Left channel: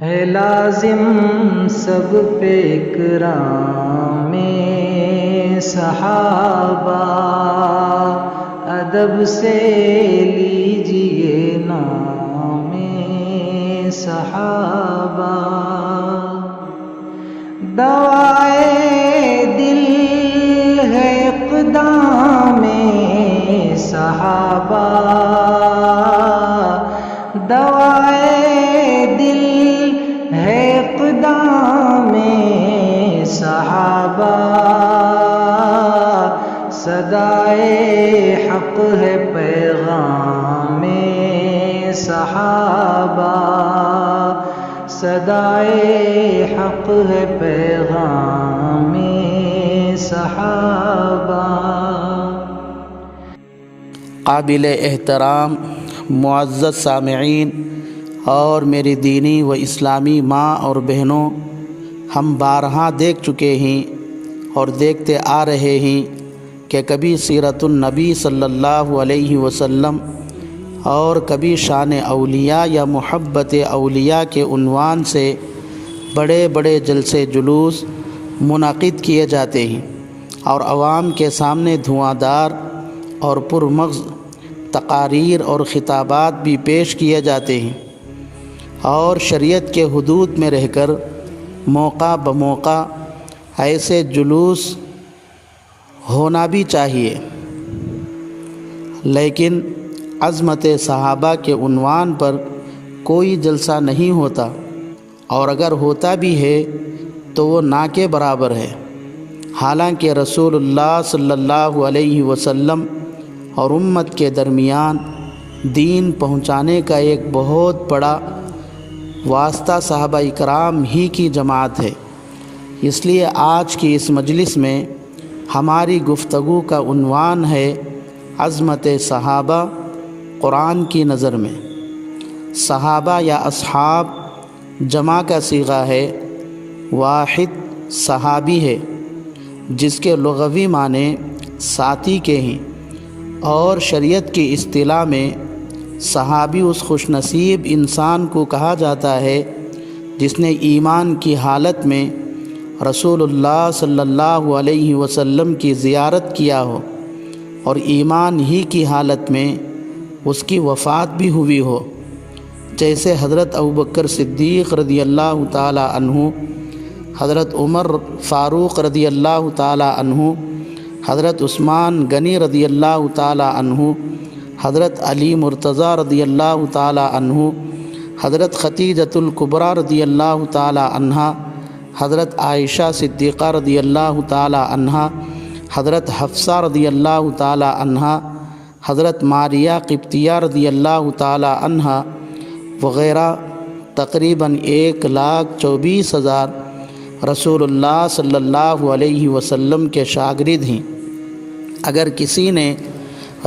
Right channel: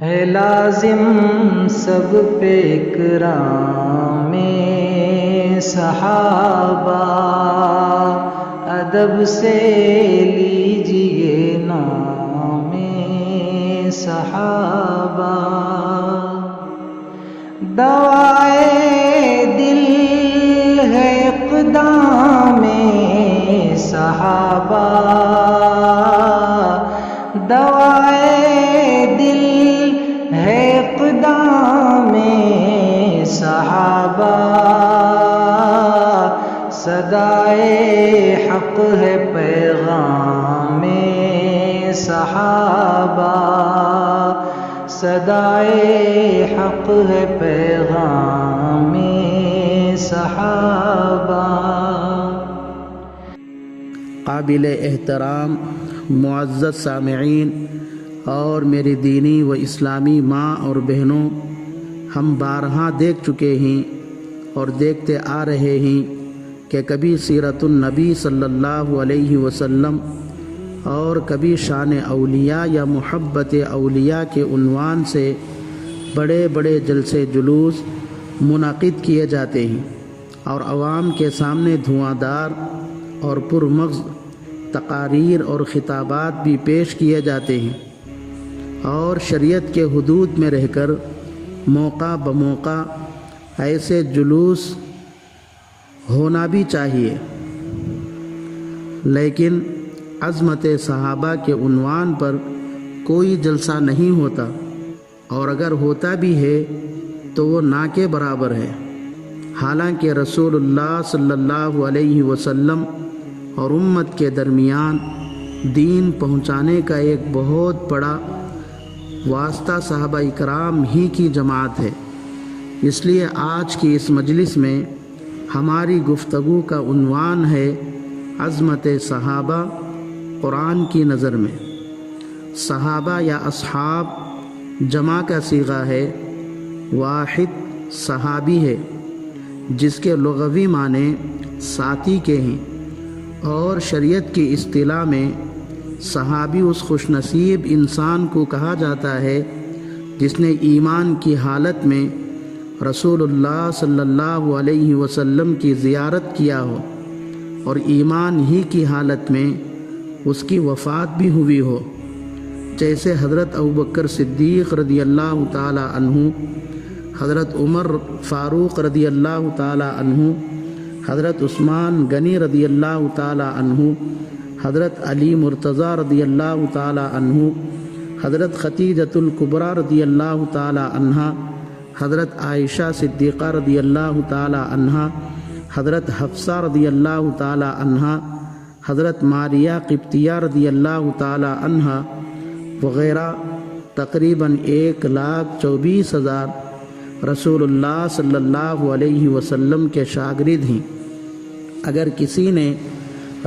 ہے لازم سب پہ اکرام صحابہ، ادب سے لیجئے نام صحابہ، دوائے دل ہے اقدام صحابہ، دوائے دل ہے اقدام صحابہ، صدائے حق ہے پیغام صحابہ، صدائے حق ہے پیغام صحابہ۔ قابل احترام معزز سامعین اور میری دینی و اسلامی ماں اور بہنوں، ہم بارہا دیکھ چکے ہیں اور دیکھتے آ رہے ہیں کہ کبھی سیرت النبی صلی اللہ علیہ وسلم اور کبھی شان اولیاء یا محبت اولیاء کے عنوان سے بڑے بڑے جلسے جلوس منعقد کیے جاتے ہیں اور عوام کے سامنے دھواں دار اور پرمغز تقاریر اور خطابات بھی پیش کیے جاتے ہیں، اور شریعت کے حدود میں رہ کر موقع بموقع ایسے جلوس ہونا بھی چاہیے، لیکن عظمت صحابہ کے عنوان پر کوئی جلسہ نہیں ہوتا، اور اگر ہوتا بھی ہے تو وہ نہ کے برابر ہے۔ حالانکہ رسول اللہ صلی اللہ علیہ وسلم اور امت کے درمیان دین پہنچانے کا ایک بہت بڑا واسطہ صحابہ اکرام ہی کی جماعت ہے۔ اس لیے آج کی اس مجلس میں ہماری گفتگو کا عنوان ہے عظمت صحابہ قرآن کی نظر میں۔ صحابہ یا اصحاب جمع کا صیغہ ہے، واحد صحابی ہے جس کے لغوی معنی ساتھی کے ہیں، اور شریعت کی اصطلاح میں صحابی اس خوش نصیب انسان کو کہا جاتا ہے جس نے ایمان کی حالت میں رسول اللہ صلی اللہ علیہ وسلم کی زیارت کیا ہو اور ایمان ہی کی حالت میں اس کی وفات بھی ہوئی ہو، جیسے حضرت ابوبکر صدیق رضی اللہ تعالی عنہ، حضرت عمر فاروق رضی اللہ تعالی عنہ، حضرت عثمان غنی رضی اللہ تعالی عنہ، حضرت علی مرتضیٰ رضی اللہ تعالی عنہ، حضرت خدیجۃ الکبریٰ رضی اللہ تعالی عنہا، حضرت عائشہ صدیقہ رضی اللہ تعالی عنہا، حضرت حفصہ رضی اللہ تعالی عنہا، حضرت ماریہ قبطیہ رضی اللہ تعالی عنہا وغیرہ، تقریباً 1,24,000 رسول اللہ صلی اللہ علیہ وسلم کے شاگرد ہیں۔ اگر کسی نے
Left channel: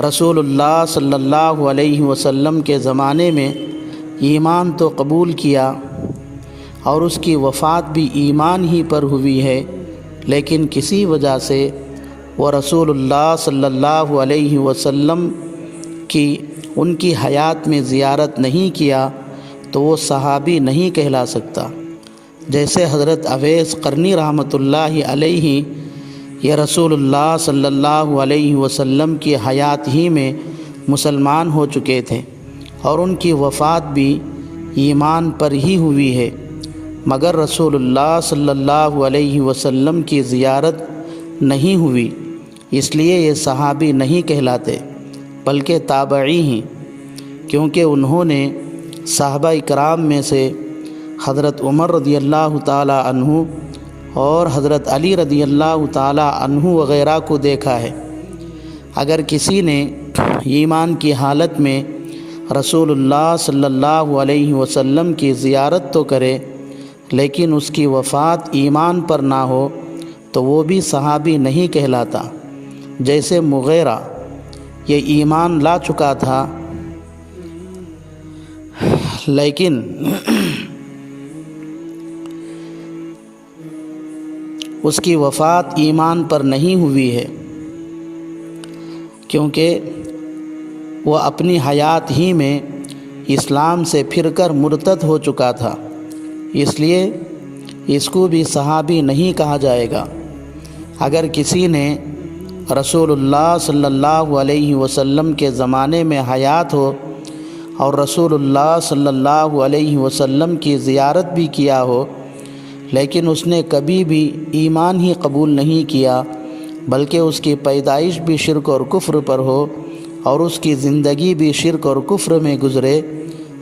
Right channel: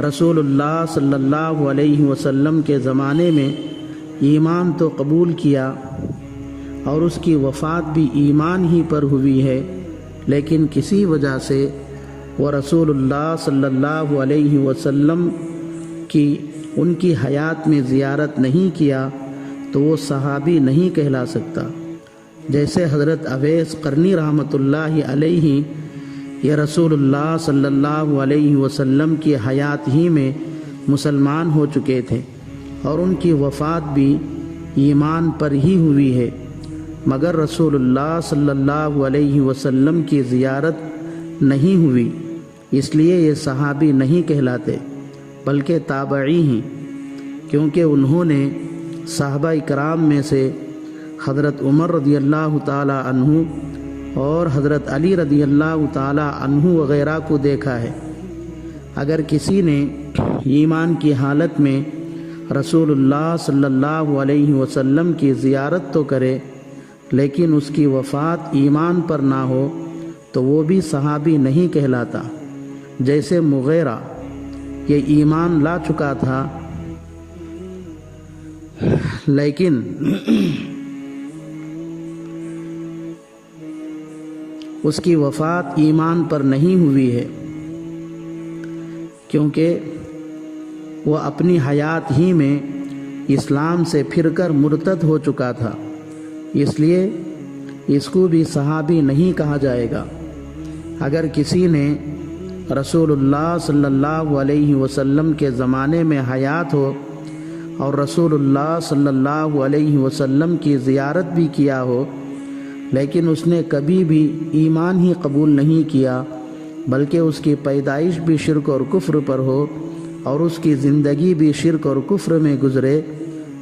رسول اللہ صلی اللہ علیہ وسلم کے زمانے میں ایمان تو قبول کیا اور اس کی وفات بھی ایمان ہی پر ہوئی ہے، لیکن کسی وجہ سے وہ رسول اللہ صلی اللہ علیہ وسلم کی ان کی حیات میں زیارت نہیں کیا تو وہ صحابی نہیں کہلا سکتا۔ جیسے حضرت اویس قرنی رحمۃ اللہ علیہ یہ رسول اللہ صلی اللہ علیہ وسلم کی حیات ہی میں مسلمان ہو چکے تھے اور ان کی وفات بھی ایمان پر ہی ہوئی ہے، مگر رسول اللہ صلی اللہ علیہ وسلم کی زیارت نہیں ہوئی، اس لیے یہ صحابی نہیں کہلاتے بلکہ تابعی ہیں، کیونکہ انہوں نے صحابہ اکرام میں سے حضرت عمر رضی اللہ تعالی عنہ اور حضرت علی رضی اللہ تعالی عنہ وغیرہ کو دیکھا ہے۔ اگر کسی نے ایمان کی حالت میں رسول اللہ صلی اللہ علیہ وسلم کی زیارت تو کرے لیکن اس کی وفات ایمان پر نہ ہو تو وہ بھی صحابی نہیں کہلاتا۔ جیسے مغیرہ یہ ایمان لا چکا تھا لیکن اس کی وفات ایمان پر نہیں ہوئی ہے، کیونکہ وہ اپنی حیات ہی میں اسلام سے پھر کر مرتد ہو چکا تھا، اس لیے اس کو بھی صحابی نہیں کہا جائے گا۔ اگر کسی نے رسول اللہ صلی اللہ علیہ وسلم کے زمانے میں حیات ہو اور رسول اللہ صلی اللہ علیہ وسلم کی زیارت بھی کیا ہو، لیکن اس نے کبھی بھی ایمان ہی قبول نہیں کیا، بلکہ اس کی پیدائش بھی شرک اور کفر پر ہو اور اس کی زندگی بھی شرک اور کفر میں گزرے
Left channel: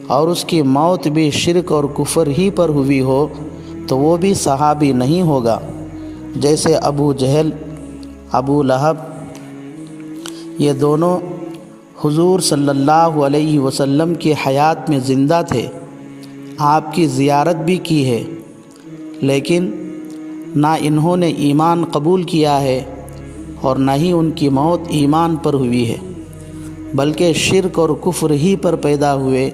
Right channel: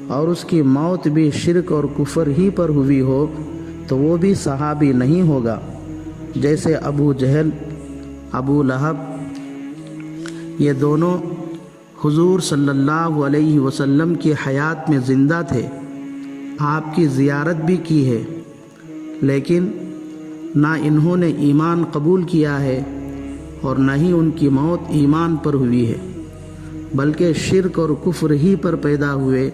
اور اس کی موت بھی شرک اور کفر ہی پر ہوئی ہو، تو وہ بھی صحابی نہیں ہوگا۔ جیسے ابو جہل، ابو لہب، یہ دونوں حضور صلی اللہ علیہ وسلم کی حیات میں زندہ تھے، آپ کی زیارت بھی کی ہے، لیکن نہ انہوں نے ایمان قبول کیا ہے اور نہ ہی ان کی موت ایمان پر ہوئی ہے، بلکہ شرک اور کفر ہی پر پیدا ہوئے،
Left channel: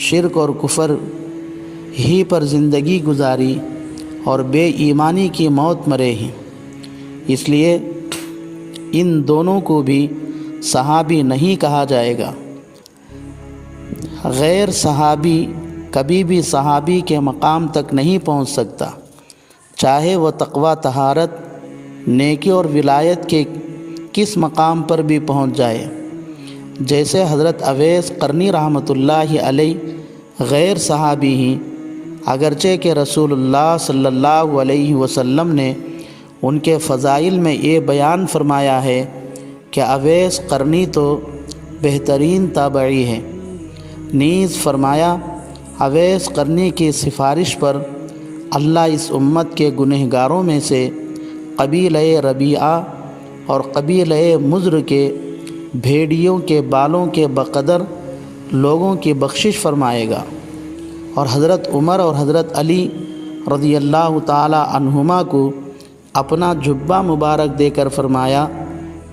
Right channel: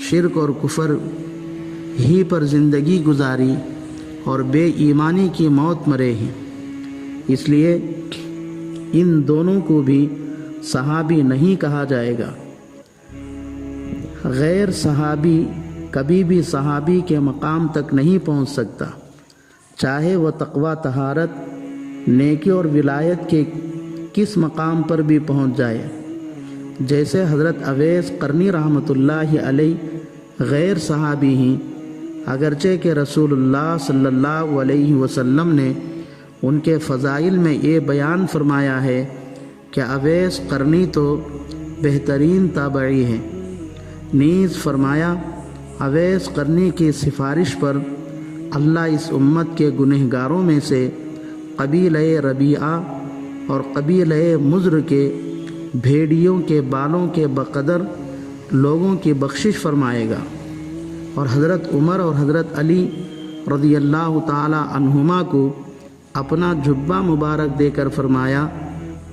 شرک اور کفر ہی پر زندگی گزاری اور بے ایمانی کی موت مرے ہیں۔ اس لیے ان دونوں کو بھی صحابی نہیں کہا جائے گا۔ غیر صحابی کبھی بھی صحابی کے مقام تک نہیں پہنچ سکتا، چاہے وہ تقویٰ، طہارت، نیکی اور ولایت کے کس مقام پر بھی پہنچ جائے۔ جیسے حضرت اویس قرنی رحمۃ اللہ علیہ غیر صحابی ہیں، اگرچہ کہ رسول اللہ صلی اللہ علیہ وسلم نے ان کے فضائل میں یہ بیان فرمایا ہے کہ اویس قرنی تو بہترین تابعی ہے۔ نیز فرمایا اویس قرنی کی سفارش پر اللہ اس امت کے گنہگاروں میں سے قبیلہ ربیعہ اور قبیلہ مضر کے بھیڑیوں کے بالوں کے بقدر لوگوں کی بخشش فرمائے گا۔ اور حضرت عمر اور حضرت علی رضی اللہ تعالی عنہما کو اپنا جبہ مبارک دے کر فرمایا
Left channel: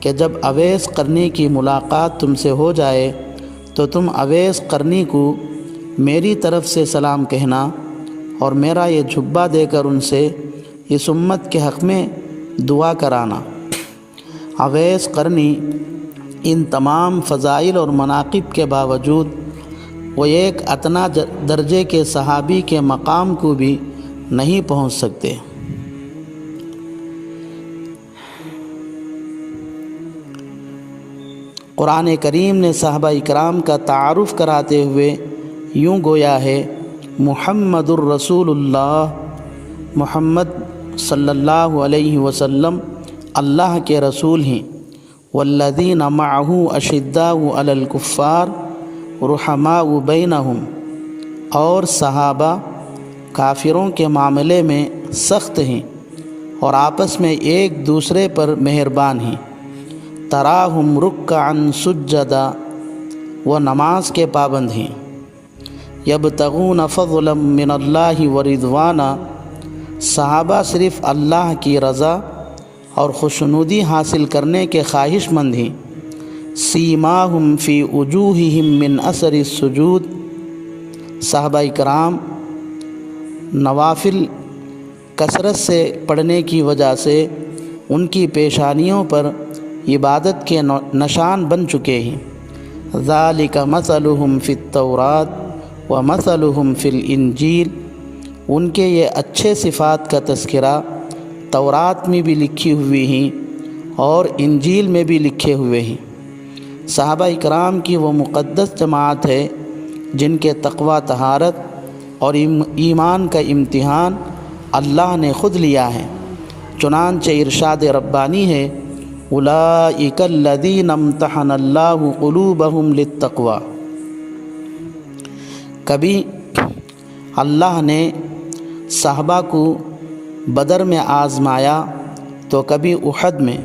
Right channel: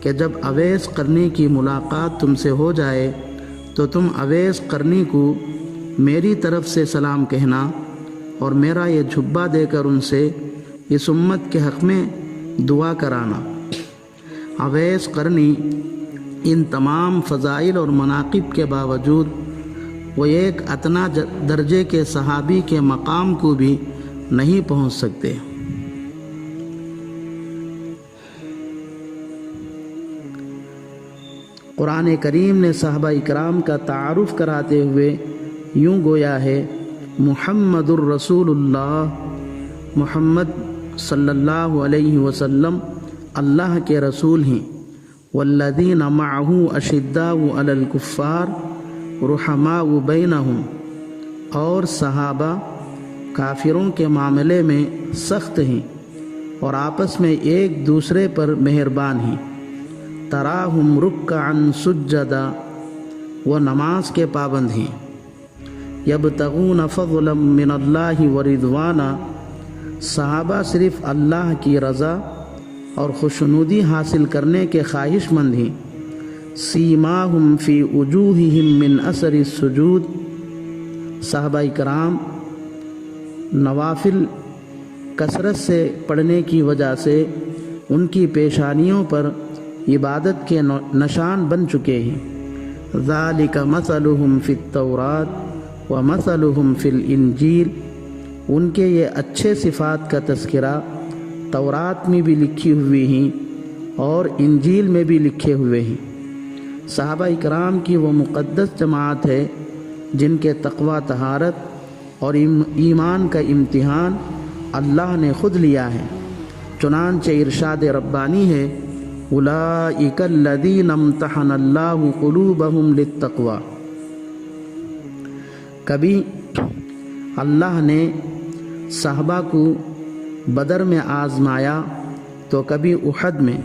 کہ جب اویس قرنی کی ملاقات تم سے ہو جائے تو تم اویس قرنی کو میری طرف سے سلام کہنا اور میرا یہ جھبا دے کر ان سے اس امت کے حق میں دعا کرانا۔ اویس قرنی ان تمام فضائل اور مناقب کے باوجود وہ ایک ادنیٰ درجے کے صحابی کے مقام کو بھی نہیں پہنچ سکتے۔ قرآن کریم نے صحابہ اکرام کا تعارف کراتے ہوئے یوں گویا ہے، محمد الرسول اللہ، محمد صلی اللہ علیہ وسلم اللہ کے رسول ہیں، والذین معہ اشداء علی الکفار رحماء بینہم، اور صحابہ کافروں کے معاملے میں سخت ہیں اور آپس میں ایک دوسرے پر مہربان ہیں۔ تراہم رکعا سجدا، وہ نماز کے پابند ہیں۔ یبتغون فضلا من اللہ ورضوانا، صحابہ صرف اللہ کی رضا اور خوشنودی حاصل کرنے کے خواہش مند ہیں۔ سیماہم فی وجوہہم من اثر السجود، صحابہ کرام نوافل کثرت سے پڑھنے کی وجہ سے ان کی پیشانیوں پر عبادت کے نشان بن چکے ہیں۔ ذالک مثلہم فی التوراۃ ومثلہم فی الانجیل، ان کے یہ اچھے صفات کا تذکرہ تورات میں بھی لکھی ہوئی ہیں اور انجیل میں بھی لکھے ہوئے ہیں۔ صحابہ اکرام کی وہ مقدس جماعت ہے جن کے تقویٰ، طہارت اور ایمان کا امتحان اللہ نے خود لیا ہے۔ چنانچہ ارشاد ربانی ہے، اولئک الذین امتحن اللہ قلوبہم للتقوی، کبھی اللہ نے صحابہ کو بدر میں آزمایا تو کبھی احد میں،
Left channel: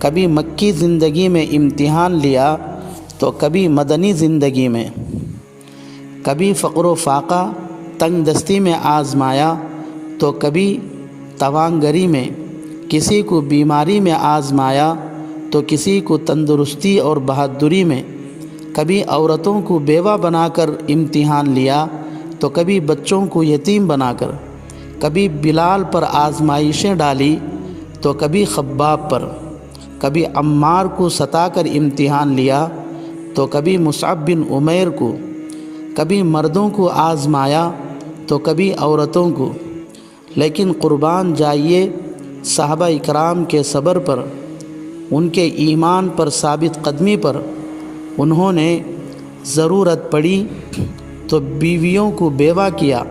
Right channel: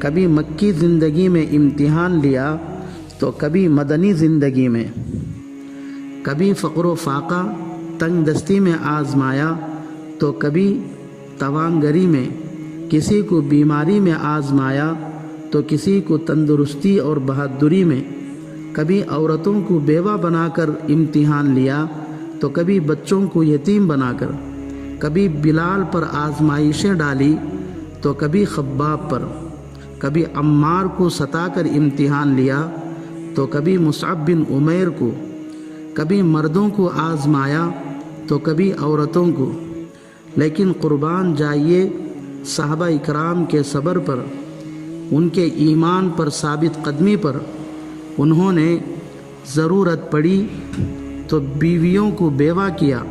کبھی مکی زندگی میں امتحان لیا تو کبھی مدنی زندگی میں، کبھی فقر و فاقہ، تنگ دستی میں آزمایا تو کبھی توانگری میں، کسی کو بیماری میں آزمایا تو کسی کو تندرستی اور بہادری میں، کبھی عورتوں کو بیوہ بنا کر امتحان لیا تو کبھی بچوں کو یتیم بنا کر، کبھی بلال پر آزمائشیں ڈالی تو کبھی خباب پر، کبھی عمار کو ستا کر امتحان لیا تو کبھی مصعب بن عمیر کو، کبھی مردوں کو آزمایا تو کبھی عورتوں کو، لیکن قربان جائیے صحابہ اکرام کے صبر پر، ان کے ایمان پر ثابت قدمی پر۔ انہوں نے ضرورت پڑی تو بیویوں کو بیوہ کیا،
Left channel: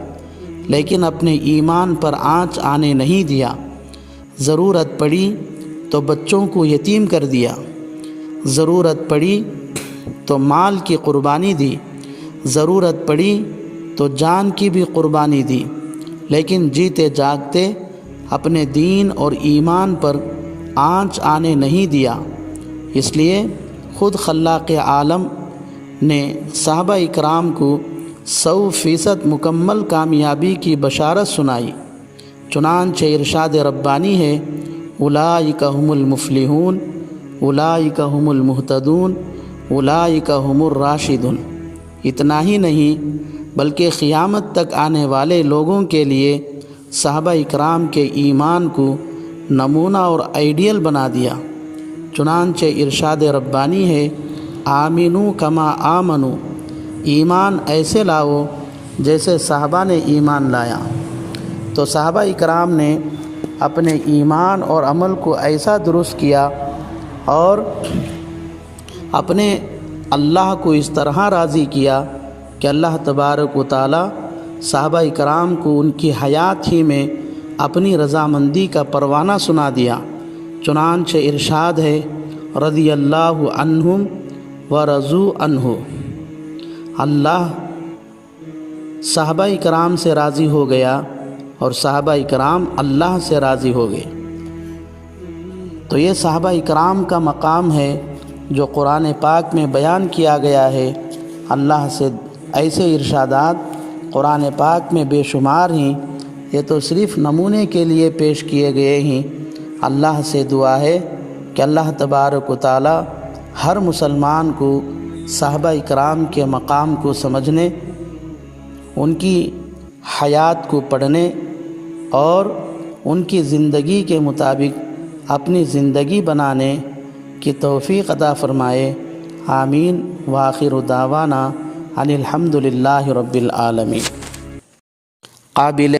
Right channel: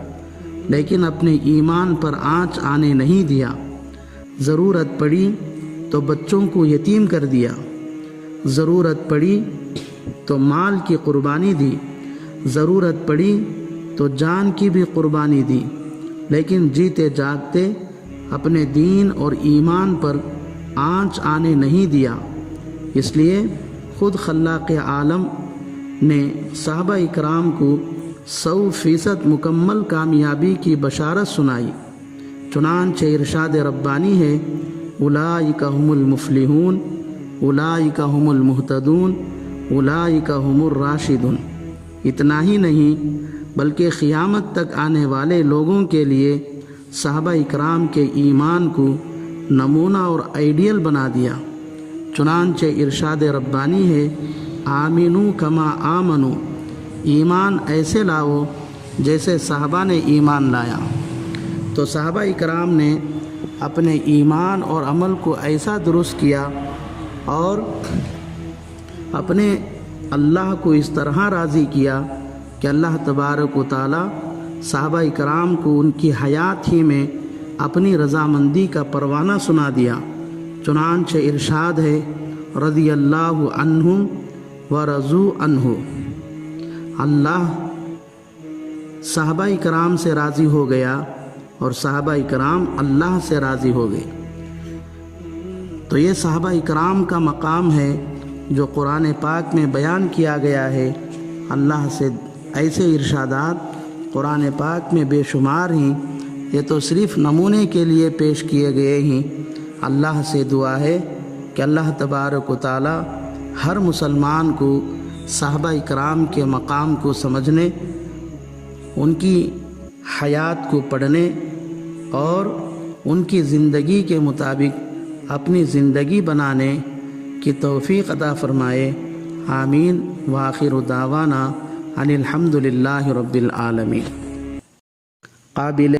لیکن اپنے ایمان پر آنچ آنے نہیں دیا۔ ضرورت پڑی تو بچوں کو یتیم کر دیا، ضرورت پڑی تو مال کی قربانی دی، ضرورت پڑی تو جان کی بھی قربانی دی، لیکن جیتے جاگتے اپنے دین اور ایمان پر آنچ آنے نہیں دیا۔ اس لیے خود خلاق عالم نے صحابہ اکرام کو 100% مکمل کامیابی کی بشارت سنائی۔ چنانچہ ارشاد ربانی ہے، اولئک هم المفلحون، اولئک هم المہتدون، اولئک هم الراشدون۔ اتنا ہی نہیں بلکہ قیامت تک آنے والے لوگوں کے لیے صحابہ اکرام کے ایمان کو نمونہ اور آئیڈیل بنا دیا۔ چنانچہ ارشاد ربانی ہے، آمنو کما آمنو، ایمان ایسے لاؤ جیسے صحابہ نے ایمان لایا۔ تو صحابہ اکرام نے اپنے ایمان اور عمل کو ایسا درست کیا اور اپنے اللہ کو اس طرح راضی کیا کہ اللہ تبارک و تعالی صحابہ اکرام کو ان کی حیات ہی میں اپنی رضامندی کا پروانہ سنا دیا۔ چنانچہ ارشاد ہے، رضی اللہ عنہم ورضوا عنہ، اللہ صحابہ اکرام سے راضی ہو گیا اور صحابہ اکرام اللہ سے راضی ہو گئے۔ تو یہ صحابہ اکرام کا مقام ہے جو قرآن پاک میں بیان کیا گیا ہے۔ اللہ سے ایسے ارشادات قرآن پاک میں بے شمار ہیں، یہ تو صرف نمونے کے لیے پیش کیے گئے ہیں۔ اللہ سے دعا ہے کہ اللہ تبارک و تعالی ہر مسلمان کو صحابہ اکرام کے مقام کو سمجھنے، ان کی حیات کو پڑھنے اور ان کی زندگی کے مطابق اپنی زندگی بنانے کی توفیق عطا فرمائے۔ آمین۔ وآخر دعوانا ان الحمد للہ رب العالمین۔ قابل